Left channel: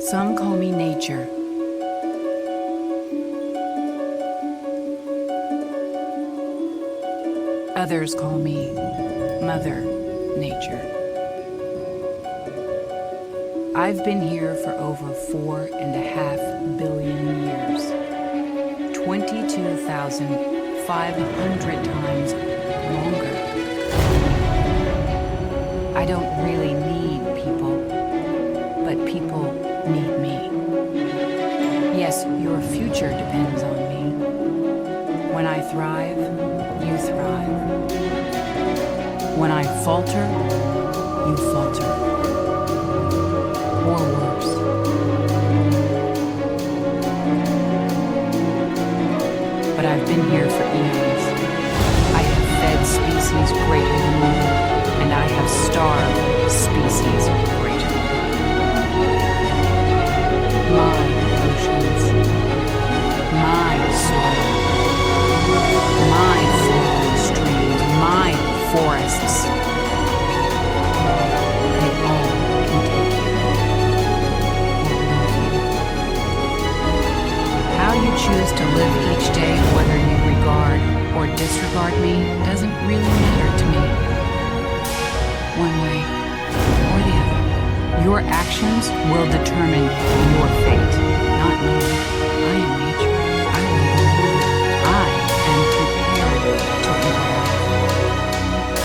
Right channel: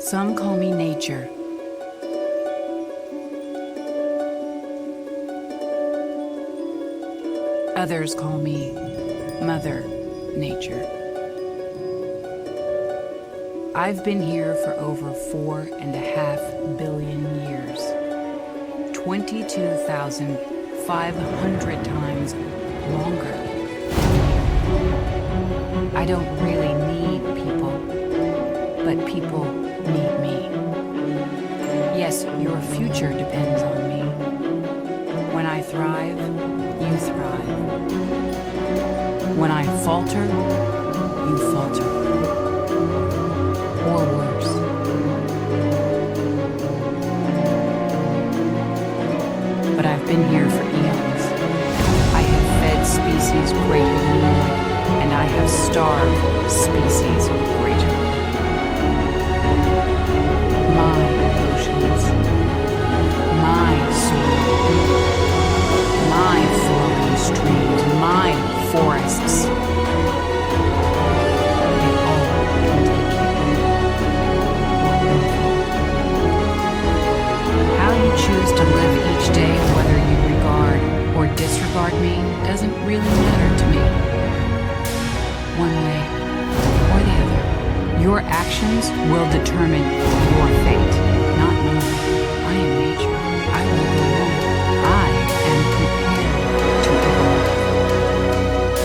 Some call me nature. Others call me Mother Nature. I've been here for over 4.5 billion years. 22,500 times longer than you. I don't really need people, but people need me. Yes, your future depends on me. When I thrive, you thrive. When I falter, you falter. Or worse. But I've been here for eons. I have fed species greater than you, and I have starved species greater. My oceans, my soil, my flowing streams, my forests, they all can take you or move you. How you choose to live each day, whether you regard or disregard me, doesn't really matter to me. One way or the other. Your actions will determine your fate, not mine. I am nature.